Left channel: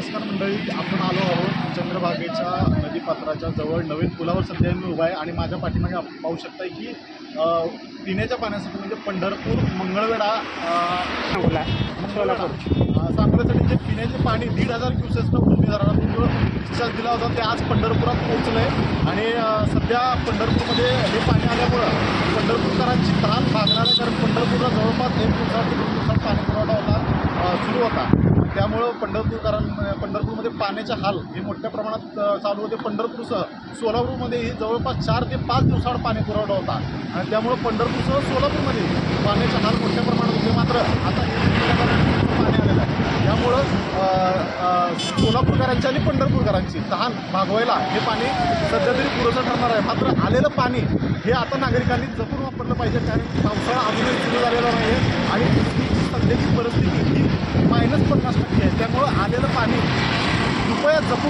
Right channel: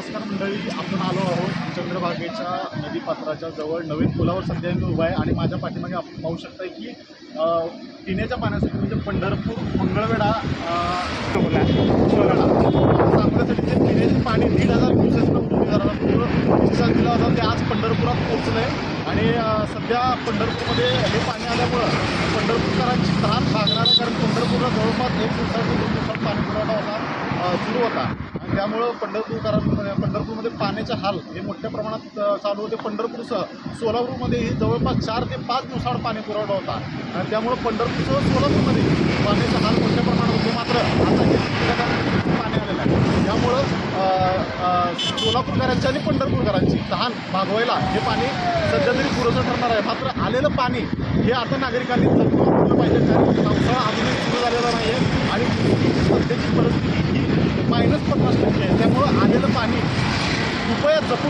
नमस्कार मंडळी आपण आलो आहोत चंद्रभागेच्या नदीपात्राच्या जवळ. नवीन पुलावर सध्या मी उभा आहे आणि माझ्या पाठीमागे आपण पाहू शकताय की पिण्याच्या पाण्यासाठी म्हणजे पंढरपूर मंगळवेढा मंगळवेढा. अ, सांगोल्यासाठी जे पिण्याचे पाणी दीड हजार क्युसेसनं धरणातून जो डिस्चार्ज दिला होता ते आज पंढरपुरात पोहोचलं आहे आणि सध्या पंढरपूरमध्ये हे पाणी आल्यामुळं पंढरपूरकरांची तहान भागणार आहे कारण पंढरपूरला जवळपास एक दिवसात ते दोन दिवसात पाणी पुरवठा होता सुरू होता. त्यामुळं पंढरपूरकरांमध्ये म्हणजे पंढरपूरमध्ये पाण्याचे हाल हे मोठ्या प्रमाणात चालू होते. पंढरपूरसह सोलापूरमध्येही जवळपास चार ते पाच दिवसाआड पाणी पुरवठा होता. आणि त्यामुळं पंढरपूरसह सोलापूरमध्ये पाण्याचे हाल मोठ्या प्रमाणात होते. मात्र आता हे पाणी आलेलं आहे. यामुळं सोलापूरकरांची आणि पंढरपूरकरांची तहान भागवायला हे पाणी सध्या तरी पुरेसं ठरणार आहे. मात्र आलेलं पाणी हे आता नागरिकांनी जपून वापरलं पाहिजे. कारण पावसाळा अजूनही सुरू झालेला नाही आहे आणि सध्याची परिस्थिती ही मायनस पन्नास टक्के आहे. त्यामुळं आलेलं पाणी कृपया जपून